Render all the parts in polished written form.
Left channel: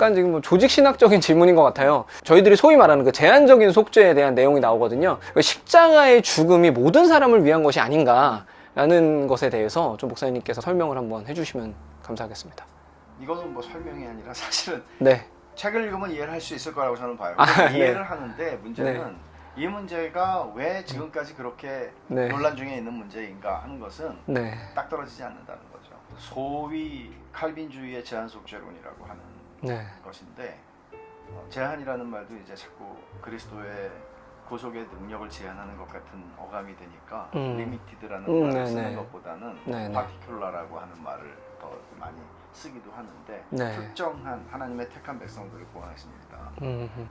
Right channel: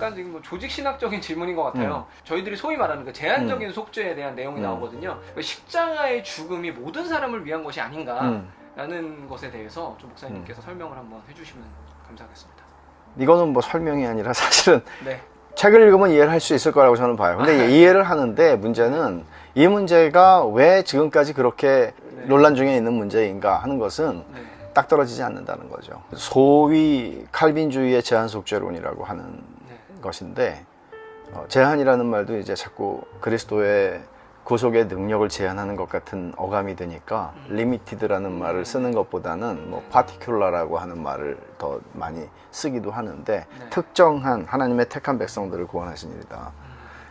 약간 지금 뭐 조직신학적인 질문인 것 같아요. 저희들이 소위 말하는 그 제한적인 속죄에 대한 내용이 나오거든요. 그 십자가의 죽음이 모든 사람을 위한 것이 아닌가라는 것에 대해서 좀 목사님께서 설명을 한번 해주시면 감사하겠습니다. 이거는 뭐 설명이 아니라 사실은 네. 책을 읽으면 이해를 할 수 있을 거라고 저는 봐요. 근데 이해를 하는데 문제는 이 문제가 왜 지금까지 그렇게 네. 논란 중에 있는 문제인가 하는 것은 네. 딱 떨어지지 않는다는 거죠. 소위 칼빈주의의 제한속죄론이라고 하는 네. 것인데 제한이라는 말도 이제 자꾸 그리스도의 구속의 능력을 제한하는 것 같은 어감이 되니까 리미티드라는 말을 네네. 쓰는 것보다는 뭐 네네. 파티큘라라고 하는 말을 더 많이 쓰기도 하는데 네. 특정한 하나님의 택한 백성들을 구원하신 일이다.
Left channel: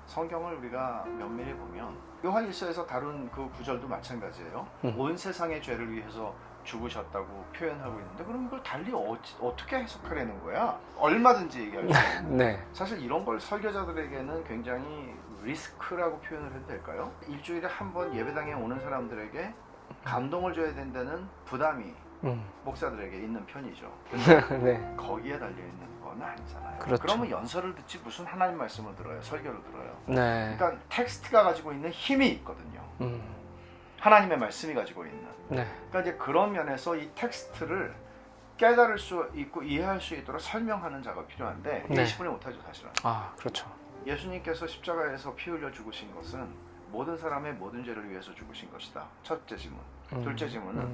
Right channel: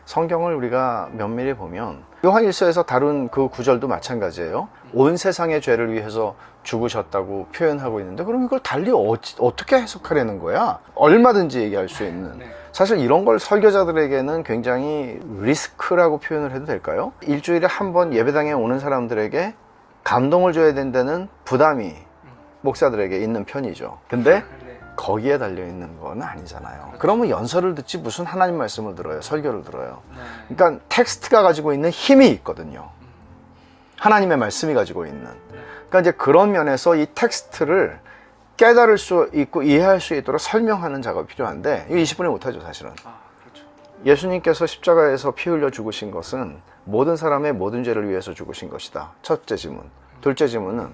성경을 우리가 면밀히 보면 요한 1서에서 다룬 그 구절도 마찬가지예요. 온 세상의 죄를 위해서 죽으셨다고 표현하고 있는데 그럼 이걸 달리 어떻게 해석하려는 거야? 얼마든지 얘기할 수 있는. 네. 사실 이런 걸 설교자들에게는 굉장히 리스크라고 표현을 해도 될까요? 일주일에 한 번 예배당에 오는 사람들에게 감동을 줘야 된다는 부담이 목사들에게 있는 편이죠. 근데 네. 거기에 달려있는 건 아니잖아요. 그렇죠. 그러면 연설을 듣지 무슨 하나님 말씀을 들어요? 설교를 들어요. 네. 그러니까 텍스트가 가지고 있는 힘이 있거든요. 하나님의 말씀이 가지고 있는. 네. 그러니까 이제 그런 면에서 이 텍스트를 깨달을 수 있고 이해할 수 있도록 설명하는 작업이 필요한데 이거 네. 20분에 못하죠 사실은. 아, 그렇죠. 예수님께서 십자가에서 피 흘려 죽으신 것은 모든 사람의 모든 죄를 위해서 죽으신 것이다. 첫째 질문. 둘째 질문은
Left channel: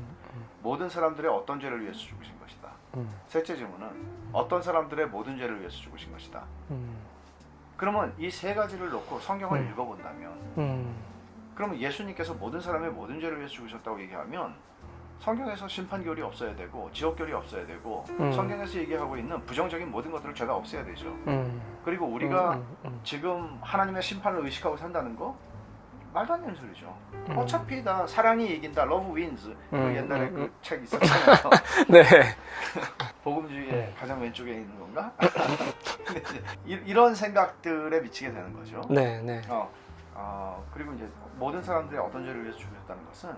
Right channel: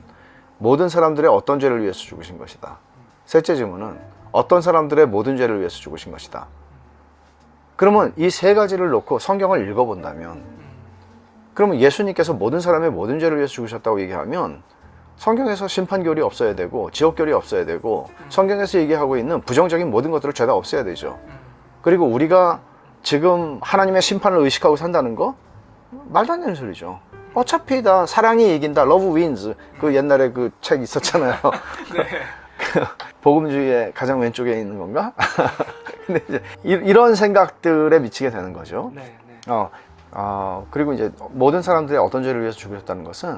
모든 사람들의 어떤 죄를 위해서 죽으신 것이다. 셋째 질문은 어떤 사람들의 모든 죄를 위해서 죽으신 것이다. 그러면 이 세 가지를 놓고 성경을 읽어본다면 그러면 예수님께서 모든 사람의 모든 죄를 위해서 죽으셨다고 얘기하면 성경에서 심판결이 없어야 되고 지옥결이 없어야 되고 성경에서 얘기하고 있는 부정적인 모든 것들을 죄다 없애야 되죠. 그리고 우리가 지금 하나님의 심판을 의식하고 산다는 거 말도 안 되는 소리죠. 어차피 다 사랑이 이긴다. Love wins. 그 옛날에 그 책 있었잖아요. 네. 복음주의의 가장 왼쪽에 있는 건가? 근데 이제 이런 생각들에 미치게 되는 거죠. 네. 네. 그리고 이제 모든 사람들이 어떤 죄를 위해서 죽으셨다는 것은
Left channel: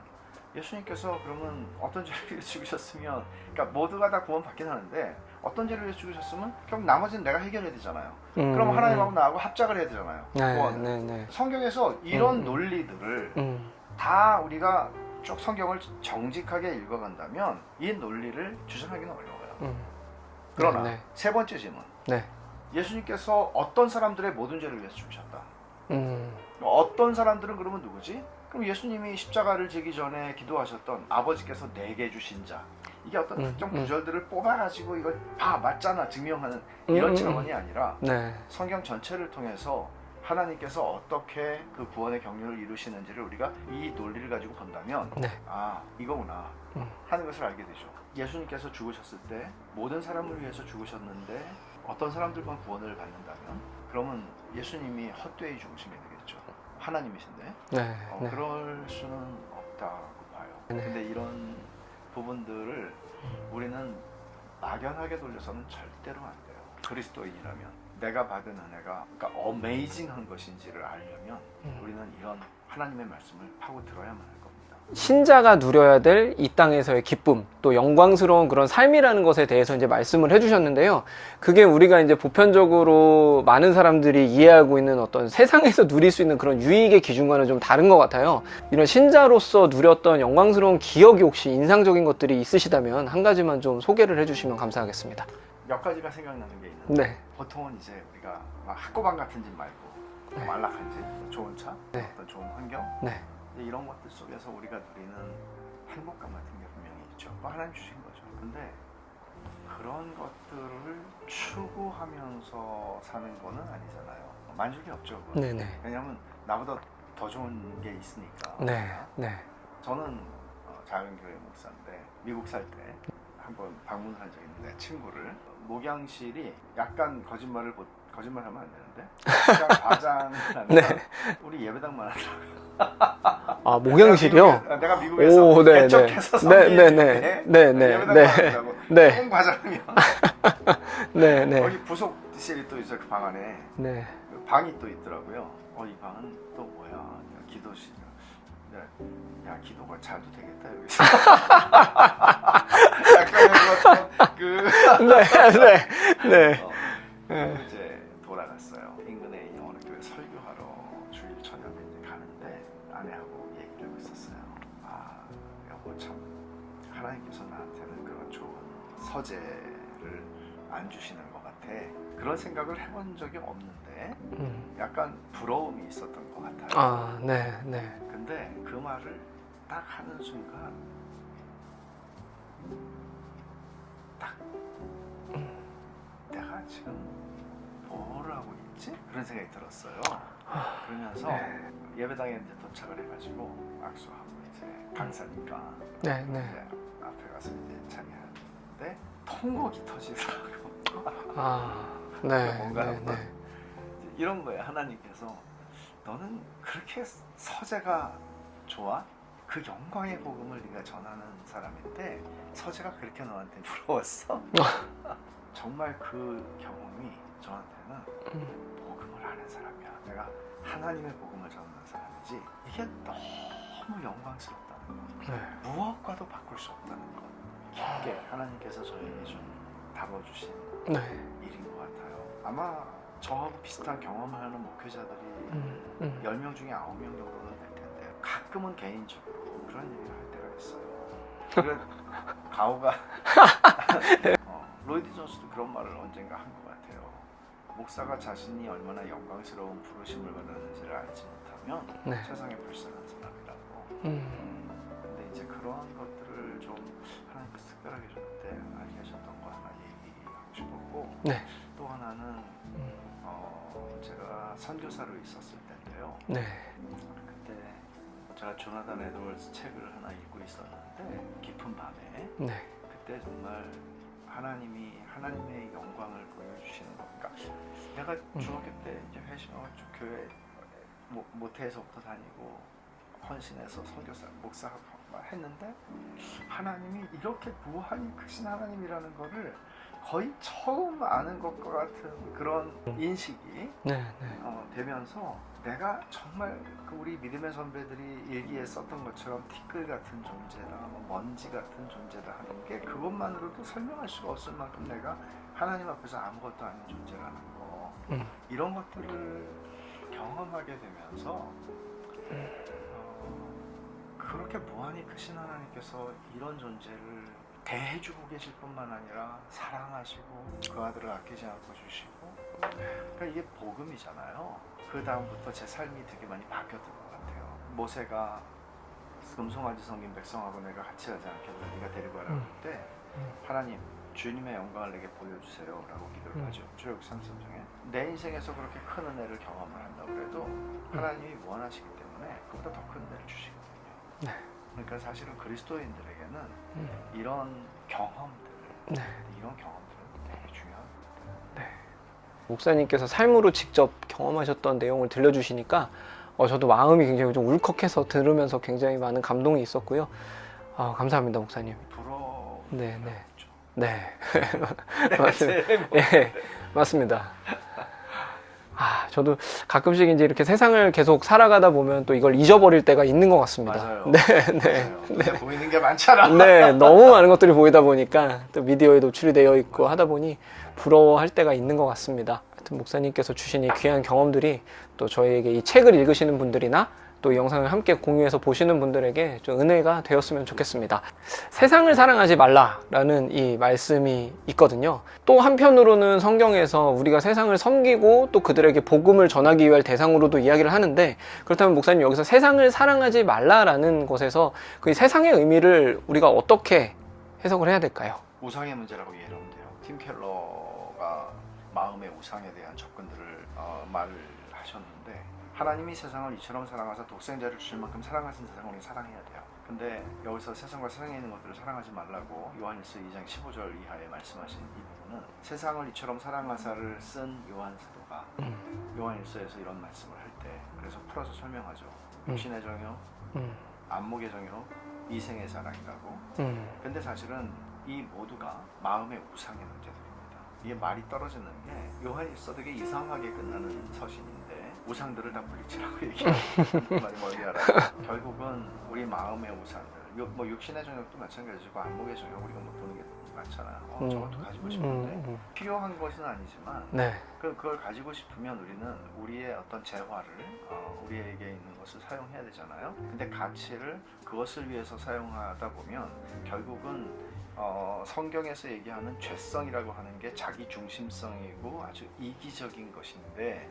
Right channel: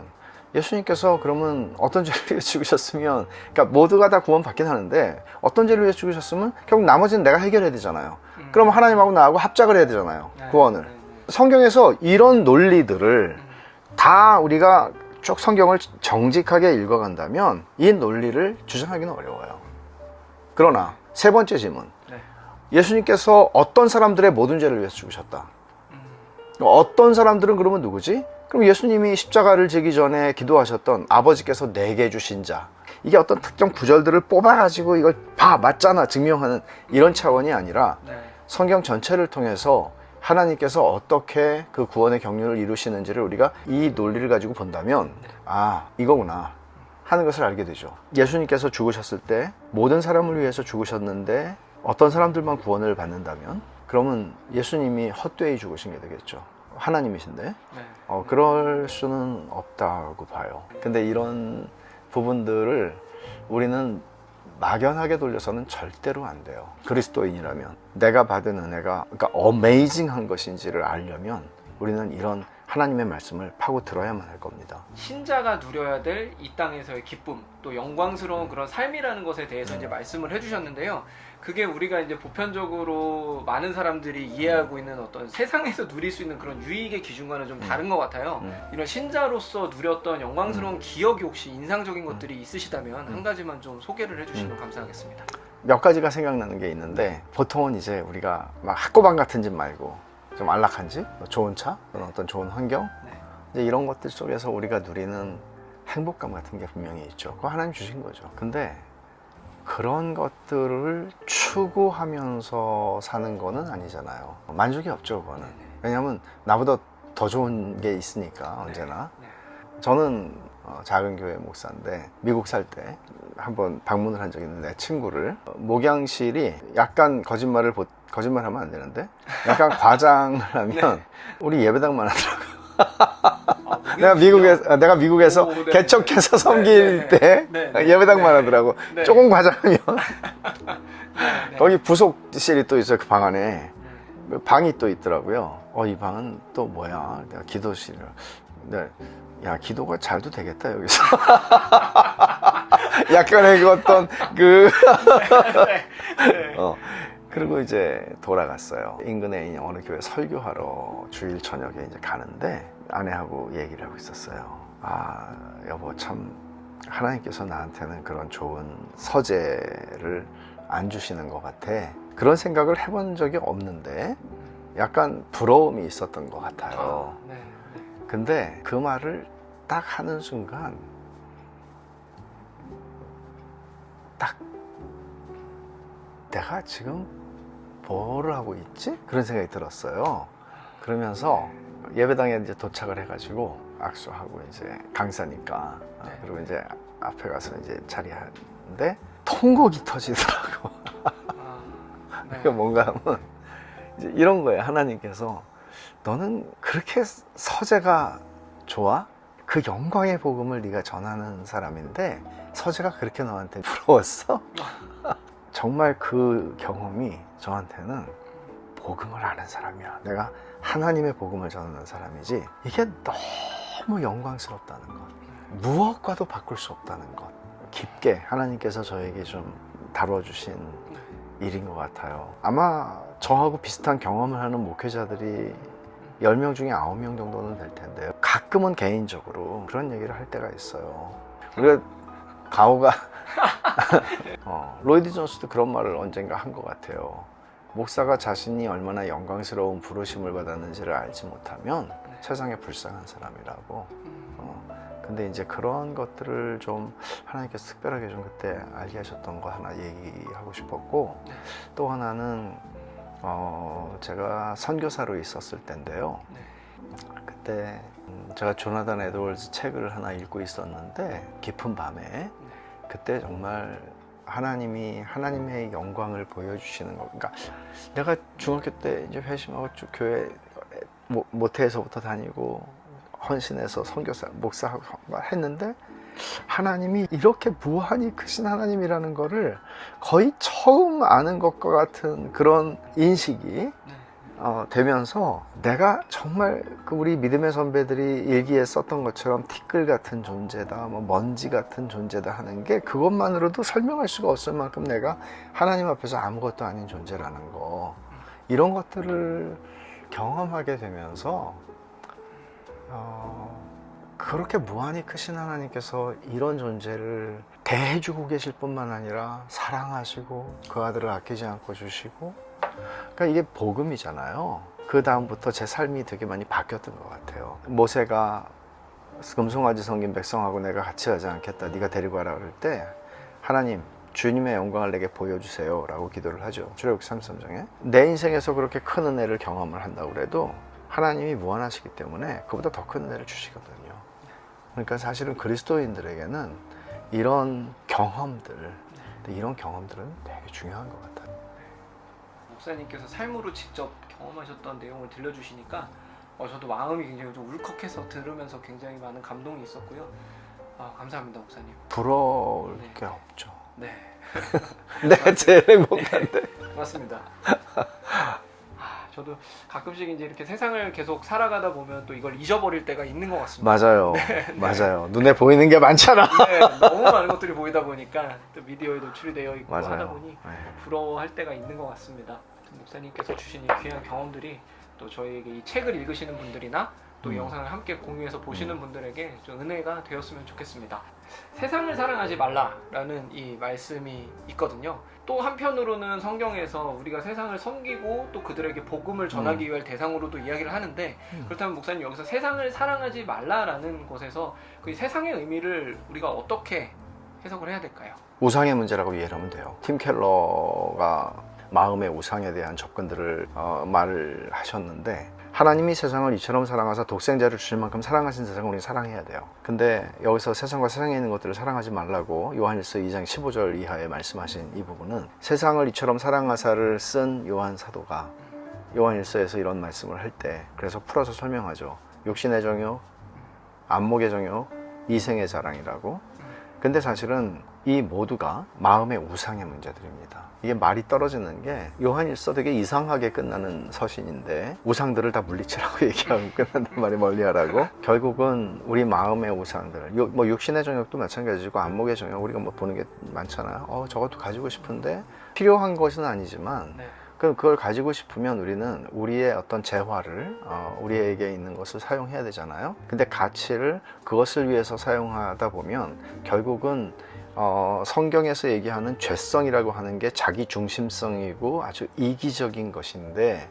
예수님께서 그러면 어떤 죄를 위해서 죽으셨으면 그러니까 모두가 다 구원받긴 하는데 어떤 죄를 위해서 죽으셨으면 결국 나머지는 내가 해결해야 되잖아요. 그럼 하나님하고 나하고 합작을 해야 되잖아요. 네, 구원을. 네, 네. 성경에서 이런 논리들을 다 우리가 쭉 성경을 정직하게 읽어간다면 이 논리를 주장하기는 어려워요. 그러나 네. 세 번째 질문. 네. 예수님께서 어떤 사람들의 모든 죄를 위해서 죽으셨다. 어떤 사람들은 그러면 누구지? 그럼 예수님이 십자가를 지기 전에 기도하셨던 아버지께서 내게 주신 자. 이게 어떤 특정 구절들을 뽑아가지고 이걸 맞잖아 증명하는 이런 차원이 아니라 네. 성경 전체를 통해서 하나님께서 어떻게 그 구원의 경륜을 이루시는지를 우리가 이 논리를 가지고 본다면 네. 이거구나 하는 것을 알게 되죠. 예수님께서 죽으셨을 때 모든 사람을 위해서 죽으셨는데 어떤 사람들만 구원을 받는다면 그러면 예수님이 헛되이 죽으신 게 되겠죠. 하나님이신데 네. 네. 그럴 수는 없다고 봐요. 근데 이런 부분들을 우리는 막연하게 돌려서는 절대로 안 돼요. 그리스도인이라면 내가 받은 은혜가 그러니까 어메이징한 것인지를 알려면 우리는 이런 하나님의 말씀을 파고 들어야만 할 겁니다. 신자가 누려야 될 이 땅에서의 기쁨, 또 영광스러운 그런 삶이라는 것에 대해서 이제 말씀을 해주셨는데요. 그게 우리가 이제 보편적으로 많은 사람들이 이해하고 있는 어떤 세상에서 누릴 수 있는 그런 유익의 기준과는 좀 다른 것 같아요. 이런 신자로서 누렸던 영광스러운 기억이 혹시 인상적인 것들이 있으시다면 한 가지만 좀 소개를 해주시면 감사하겠습니다. 몇 가지가 생각나는 게 있는데 네. 보통은 이제 우리가 막 학고방 같은 집 말고 좀 안락한 집, 좋은 차, 네. 어떤 좋은 환경 네. 이제 이런 것들 속에서 우리가 누리는 행복감 같은 게 분명히 있죠. 그거 하나님 주신 거죠. 근데 그런 것들을 추구하면서 사는 거는 아니잖아요. 만족이 없죠, 그건. 네네. 왜냐하면 나보다 더 좋은 게 있으니까 네. 언제나. 네. 저는 작은 교회 목사인데 미국 살 때 한번 방문을 한 적이 있는데 내 친구를 목양실이 약간 거짓말하면 안 되는데 약간 과장을 하면 네. 우리 예배당만 하더라고요. 목양실이요? 내가 미국에서 오, 네, 개척해서 네. 섬길 네, 네, 때 네, 네, 예배당만 네. 하더라고. 네. 조금 과장하면 네. 네. 거기 부속실이 또 있어요. 그 방 안에 네. 방이 또 있더라고요. 이 방은 또 뭐야? 내가 기도실. 네. 야, 기도가 잘도 되겠다 여기서. 약간의 그 어떤 그 네. 네. 그리고 이제 돌아갔어요. 인근에 있는 어느 교회 설교하러 주일 저녁에 이제 가는데 아내하고 얘기를 하고 있었어요. 아, 여보, 참 하나님께서 나한테는 그런 좋은 서재를 안 주시는 것 같아. 그런 생각을 해본 적이 없는데 약간 부러움이 있었던 것 같아요. 아, 네, 네. 근데 그 말을 딱 하는 순간 딱 내가 지금 뭘 하고 있지? 그런 생각이 들었어요. 그러면서 예배당에 이제 도착을 해가지고 악수하고 이제 강사니까 네, 그리고 네. 이제 앞에 가서 이제 자리하는데 통곡이 터지더라고. 아, 네. 그러니까 뭔가 네, 하면 이제 이런 거예요. 하나님께서 너는 그렇게 서재가 좋아? 그 영광의 복음을 네가 전하는 사람인데 서재가 그렇게 너한테 부러웠어? 정말 그 경험이 저한테는 복음을 아는 사람이야. 내가 하나님의 복음을 전하는 사람이지. 이게 너무 영광스럽다는 것. 네. 무엇과도 바꿀 수 없다는 것. 깊게 하나님께서 저에게 좀 다뤄주신 네. 일인 것 같아요. 아마 저하고 비슷한 경험을 하는 목회자들이 10명 중에 9명 정도는 될 텐데요. 가끔은 개인적으로 그런 얘기를 할 때가 있어요. 그리고 가오가 로이드 존스도 그런 말을 언젠가 한 것 같아요. 목사가 자신이 얼마나 영광스러운 부르심을 받았는지를 알지 못하면 네. 세상에 불쌍한 사람이라고. 근데 이제 그런 것들을 좀 하나님께서 특별하게 좀 그때 알게 하셨던 거 하나 얘기하고 싶었고, 네. 또 하나는 제가 선교사로 있었을 때인데요. 네. 그때 제가 조나단 에드워즈 책을 하나 읽고 있었는데 깊은 밤에 네. 그때 정말 하나님이 하나님의 영광을 보여주시는 거. 그러니까 내가 중학교 때 이제 회심하고 쭉 교회 모태에서부터 다니고 헌신해서 선교사 목사하고 했는데 하나님이 이렇게 무한히 크신 하나님이라는 거를 거의 처음 아는 것과 같은 그런 인식이 네. 되면서 내가 정말 그 우리 믿음의 선배들이 일기에 썼던 것처럼 티끌 같은 존재다, 뭐 먼지 같은 존재다 하는 게 그것만으로도 설명할 수가 없을 만큼 내가 하나님 앞에서 아무것도 아닌 존재라는 거, 이런 것들을 경험하게 되면서 그렇게 무한히 크신 하나님께서 이런 존재를 대해주고 계실 뿐만 아니라 사랑하시고 그 아들을 아끼지 않고 주시고, 그러니까 이게 복음이잖아요. 그 다음부터 제 삶이 되게 많이 바뀌었던 것 같아요. 모세가 금송아지 섬긴 백성하고 내가 같이 하지 않겠다, 네가 데리고 와라 그럴 때 하나님 주님의 영광을 내게 보여주세요 라고 기도를 하죠. 출애굽기 33장에. 내 인생에서 그렇게 큰 은혜를 경험을 한다고 그래도 하나님이 무한하시기 때문에 그보다 더 큰 은혜를 주시거든요. 그러니까 사실은 그리스도인들에게는 이런 경험들, 이런 경험들은 되게 중요한 것 같아요. 목사님께서 삶으로 직접 경험하셨던 내용을 들려주시니까 저도 마음이 굉장히 좀 울컥해서 들으면서 굉장히 많은 감동이 있었고요. 감사합니다, 목사님. 부러울 네, 게 네. 없죠. 네. 내가 제일 행복해. 네, 맞습니다. 저도 가끔씩 이제 이렇게 세상을 계속 살아가다 보면 또 이걸 잊어버릴 때가 있는 것 같습니다. 맞아요. 맞아요. 눈에 보이는 게 많잖아. 네, 너무 많은 것들이 보이다 보니까 또 미디어에 노출이 되어 있고 맞아요. 하다 보니 부러워할 때가 있는 것 같습니다. 하여튼 목사님께서 주신 이 귀한 경험들이 또 저희에게 이 책을 읽으시는 분들이나 또 이 영상을 함께 공유해서 보시는 분들에게 좀 은혜가 되었으면 좋겠습니다. 세상을 사랑하지 말라라는 이 말씀이 있거든요. 또 한편으로는 성경에서 우리가 세상을 섬기고 또 그들에게 복음을 전하기 위할 대상으로도 이야기를 하는데, 그렇다면 목사님 여기서 세상을 사랑하지 말라라는 것에서 그 세상의 의미를 우리가 어떻게 해석을 해야 될까요? 우상의 문제라고 이해를 하면 돼요. 팀 켈러가 마음의 우상에 대한 접근들을 말을 하셨는데, 하나님이 세상을 이처럼 사랑하사 독생자를 주실 만큼 사랑하신 세상을 우리는 사랑해야 돼요. 근데 여기서 세상과 세상에 있는 것들을 사랑하지 말라고 요한일서 2장 15절 이하에 말씀하신 이 부분은, 세상을 이처럼 사랑하사를 쓴 요한 사도가 요한일서에서 이런 말씀을 할 때 그래서 풀어서 설명하죠. 육신의 정욕, 안목의 정욕, 이생의 자랑이라고. 근데 사실은 이 모두가 마음의 우상의 문제들입니다. 이게 말이 떨어지는 게 요한일서 되게 이상하게 끝나는 서신인데 우상들을 다 물리치라고 얘기하는 끝나는 말이 멀리하라고. 결국은 우리 마음의 우상들, 뭐 육신의 정욕도 마찬가지고 안목의 정욕, 우리가 뭐 보는 게 많잖아요. 저것도 가지고 싶은데 필요한 것은 아니지만 네. 그럼 그걸 가지고 싶으면 우리는 우리의 어떤 재화를 우리에게 있는 것을 사용해야 되잖아요. 근데 가치를 그것을 위해서 사용하다 보면 결국은 성경에서 얘기하는 죄성이라고 하는 게 자기 중심성이고 아주 이기적인 것인데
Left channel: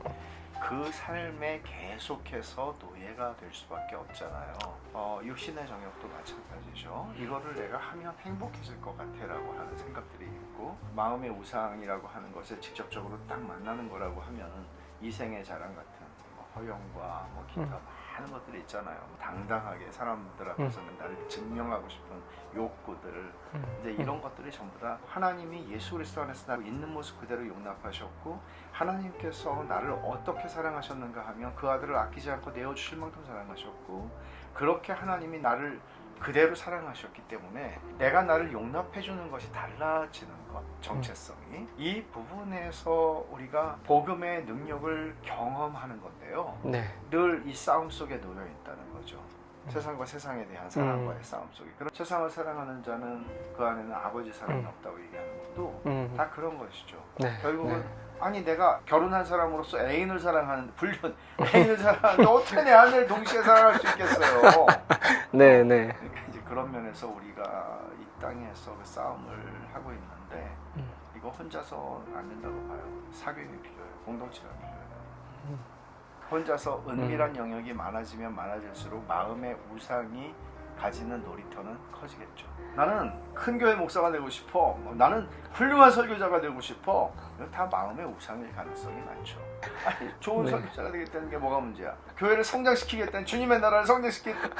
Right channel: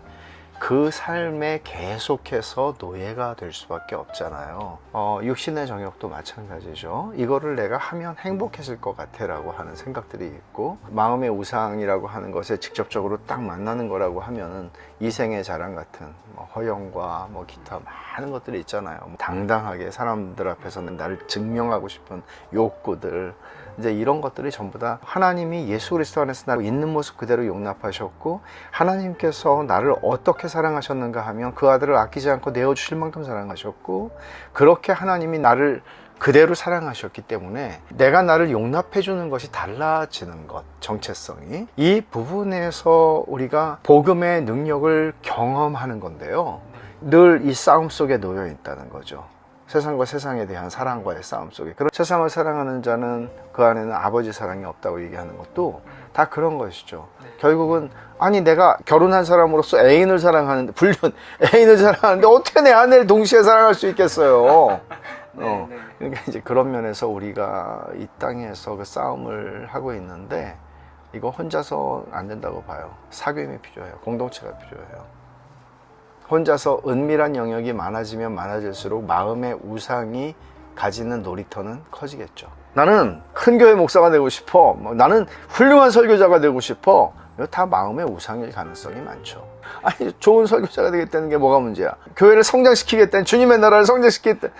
그 삶에 계속해서 노예가 될 수밖에 없잖아요. 육신의 정욕도 마찬가지죠. 이거를 내가 하면 행복해질 것 같아 라고 하는 생각들이 있고, 마음의 우상이라고 하는 것에 직접적으로 딱 만나는 거라고 하면은 이생의 자랑 같은 허영과 기타 많은 것들이 있잖아요. 당당하게 사람들 앞에서는 나를 증명하고 싶은 욕구들, 이제 이런 것들이 전부 다 하나님이 예수 그리스도 안에서 나를 있는 모습 그대로 용납하셨고, 하나님께서 나를 어떻게 사랑하셨는가 하면 그 아들을 아끼지 않고 내어주실 만큼 사랑하셨고, 그렇게 하나님이 나를 그대로 사랑하셨기 때문에 내가 나를 용납해 주는 것이 달라지는 것, 정체성이 이 부분에서 우리가 복음의 능력을 경험하는 건데요. 네. 늘 이 싸움 속에 놓여 있다는 거죠. 세상과 세상에 대한 사랑과의 싸움 속에. 그런 세상을 사랑하는 자는 그 안에는 아버지 사랑이 없다고 얘기하는 것도 다 그런 것이죠. 네. 결국은 아니 내가 결혼한 사람으로서 애인을 사랑하는데 애인을 사랑하는데 어떻게 내 아내를 동시에 사랑할 수 있겠어요? 네, 네. 그러니까 이제 그런 면에서 우리가 이 땅에서 그 싸움을 하고 있는데 이거 혼자서 안 된다고 봐요. 사귐이 필요해요. 공동체가 필요해요. 혼자서 은밀한 영역이 많아지면 많아질수록 마음의 우상이 가지는 놀이터는 커지겠죠. 나는 큰 교회 목사가 되고 싶어. 나는 훌륭한 설교자가 되고 싶어. 이거 다 마음의 우상일 가능성이 많죠. 아니 좋은 설교자가 되겠다는 게 뭐가 문제야? 교회를 성장시키겠다는, 주님의 나라를 성장시키겠다는,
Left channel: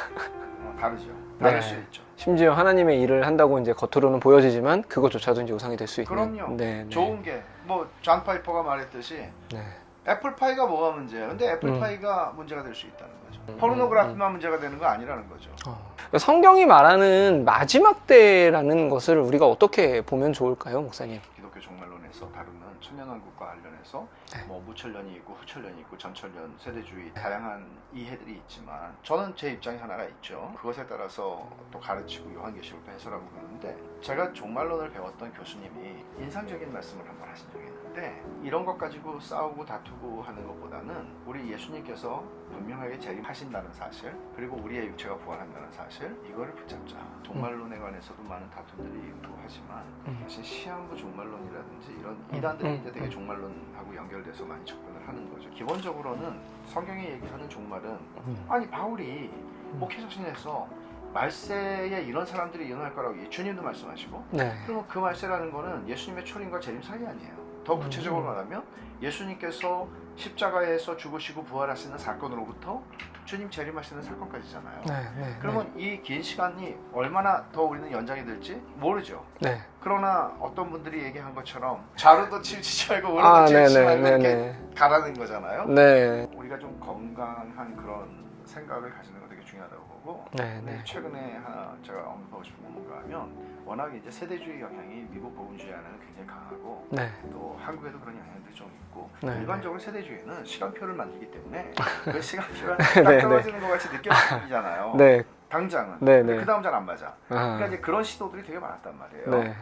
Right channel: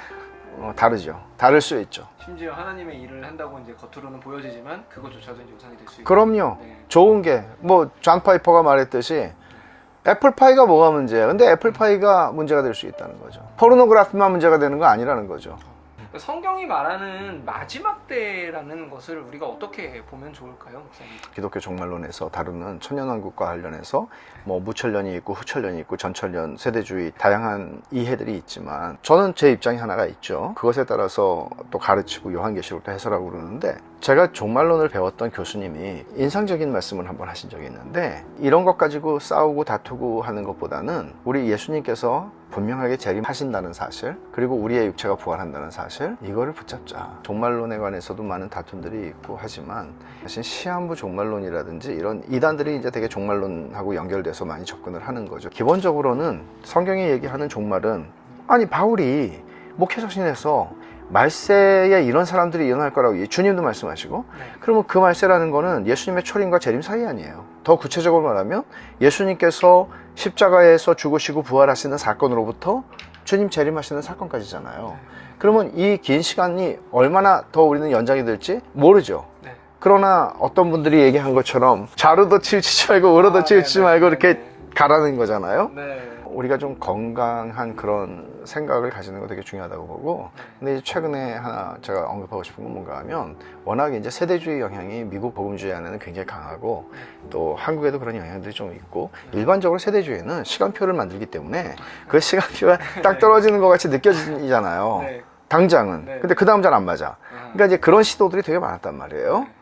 다르죠. 다를 수 있죠. 심지어 하나님의 일을 한다고 이제 겉으로는 보여지지만 그것조차도 이제 우상이 될 수 있고. 그럼요. 네, 네. 좋은 게 존 파이퍼가 말했듯이 네. 애플파이가 뭐가 문제야? 근데 애플파이가 문제가 될 수 있다는 거죠. 포르노그래피만 문제가 되는 거 아니라는 거죠. 성경이 말하는 마지막 때라는 것을 우리가 어떻게 보면 좋을까요, 목사님? 기독교 종말론에서 다루는 천년왕국과 관련해서 무천년이 있고 후천년이 있고 전천년, 세대주의 다양한 이해들이 있지만 저는 제 입장이 하나가 있죠. 그것에 따라서 또 가르치고 요한계시록도 해설하고 그러는데, 제가 종말론을 배웠던 교수님이 인상적인 말씀을 한번 하신 적이 있는데, 이런 것 가지고 싸우고 다투고 하는 것보다는 우리 예수님께서 분명하게 재림하신다는 사실, 그리고 우리의 육체가 부활한다는 사실, 이거를 붙잡자. 종말론에 관해서도 많은 다툼들이 있고 하지만 사실 시한부 종말론이라든지 이런 이단들이 이제 되게 종말론하고 연결돼서 많이 접근을 하는 거죠. 기본적으로는 성경이 얘기하는 종말은, 아니 바울이 목회서신에서 말세에 이런 사람들이 일어날 거라고 주님도 말씀하시고, 네. 그러면 그 말세라는 거는 예수님의 초림과 재림 사이 아니에요. 더 구체적으로 말하면 예수님께서 십자가에서 죽으시고 부활하시는 사건으로부터 주님 재림하시는 사건까지잖아요. 네, 네, 그러면 이 긴 시간이 얼마나 더 우리는 연장이 될지 모르죠. 네. 그러나 어떤 분들이 얘기한 것처럼 좌로도 치우치지 말고 우로도 치우치지 말고 이렇게 가라는 거잖아요. 네. 우리가 좀 건강한 그런 생각을 가지는 거 되게 중요하다고 보고, 네. 근데 최근에 하나 제가 언급하고 싶은 건 뭔가 하면, 워낙 이제 세대주의 영향이 미국 복음주의 안에는 굉장히 강하고, 네. 또 한국에도 그런 영향들이 좀 있고, 네. 일반적으로 세대주의는 시간표를 만들기 때문에 그 시간표가 딱 떨어지는 것 같이 느껴지잖아요. 네. 당장은. 네, 근데 네. 그 다음 잘 안 맞아. 그러니까 이제 그런 시도들이 되게 많았단 말이에요. 네.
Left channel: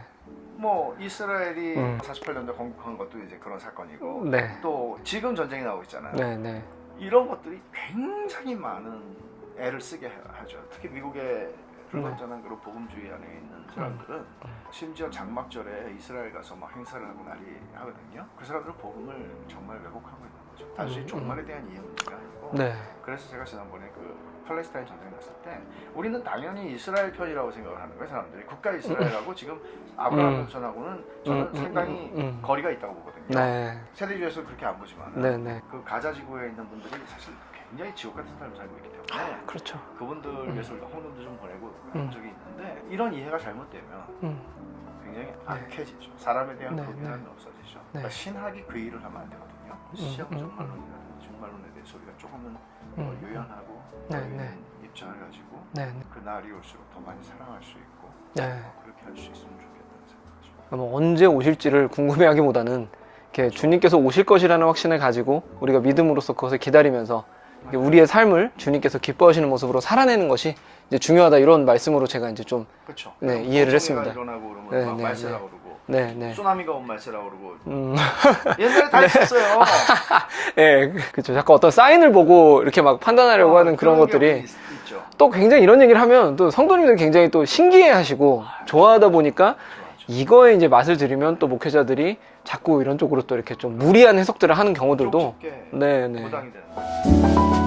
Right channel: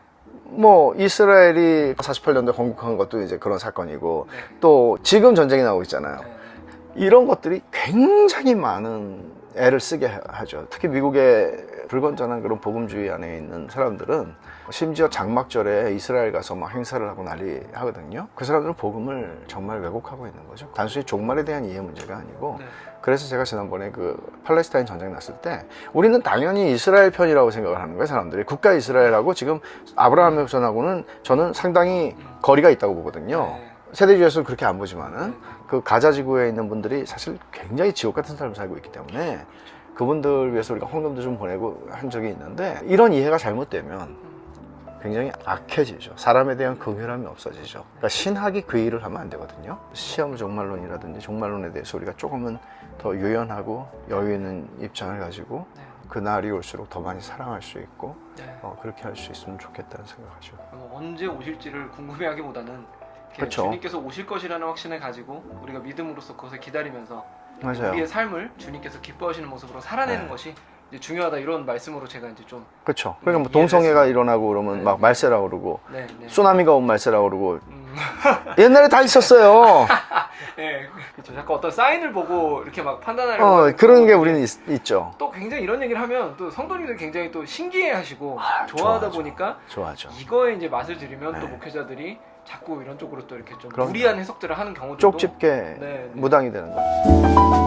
이스라엘이 48년도에 건국한 것도 이제 그런 사건이고, 네. 또 지금 전쟁이 나오고 있잖아요. 네. 네. 이런 것들이 굉장히 많은 애를 쓰게 하죠. 특히 미국의 불건전한 그런 복음주의 안에 있는 사람들은 심지어 장막절에 이스라엘 가서 막 행사를 하고 난리 하거든요. 그 사람들은 복음을 정말 왜곡하고 있는 거죠. 단순히 종말에 대한 이해 문제가 아니고. 네. 그래서 제가 지난번에 그 팔레스타인 전쟁 났을 때 우리는 당연히 이스라엘 편이라고 생각을 하는 거예요. 사람들이 국가 이스라엘하고 지금 아브라함의 후손하고는 저는 상당히 거리가 있다고 보거든요. 네. 세대주의에서는 그렇게 안 보지만은 네, 네. 그 가자 지구에 있는 분들이 사실 굉장히 지옥 같은 삶을 살고 있기 때문에 그렇죠. 그분들 위해서 우리가 헌금도 좀 보내고 한 적이 있는데, 이런 이해가 잘못되면 굉장히 악해지죠. 사람에 대한 긍휼함이 없어지죠. 그러니까 신학이 그 일을 하면 안 되거든요. 시험 종말론이라든지 종말론에 대해서 우리가 조금은 더 유연하고 여유 있는 입장을 가지고 네. 그 날이 올수록 더 많이 사랑할 수 있고 네. 그렇게 할 수 있으면 좋겠다는 생각하죠. 언제 오실지를 궁금해하기보다는 이렇게 그렇죠. 주님께서 오실 것이라는 확신을 가지고 우리가 믿음으로써 그것을 기다리면서 맞아요. 우리의 삶을 주님께서 기뻐하시는 모습으로 살아내는 것이 이제 중요하다 이런 말씀으로 제가 이제 좀 그렇죠. 네, 그러니까 이해를 동성애가 했습니다. 일어나고 그러면 네, 막 네, 말세라고 그러고 네, 네. 쓰나미가 온 말세라고 그러고 옛날에 다 있었어요. 예, 그렇죠. 자꾸 어떤 사인을 보고 이렇게 막 판단하려고 하는 그런 게 것들이 우리는 있죠. 또 굉장히 이런 얘기를 하면 또 성도님들 굉장히 또 신기해하시고 좋아하다 좋아하죠. 보니까 좋아하죠. 이거에 이제 맛을 들이면 또 목회자들이 자꾸 이런 쪽으로 또 이렇게 좀 무리한 해석들을 하는 경우들도 쪽집게 네, 네. 무당이 되는 거죠.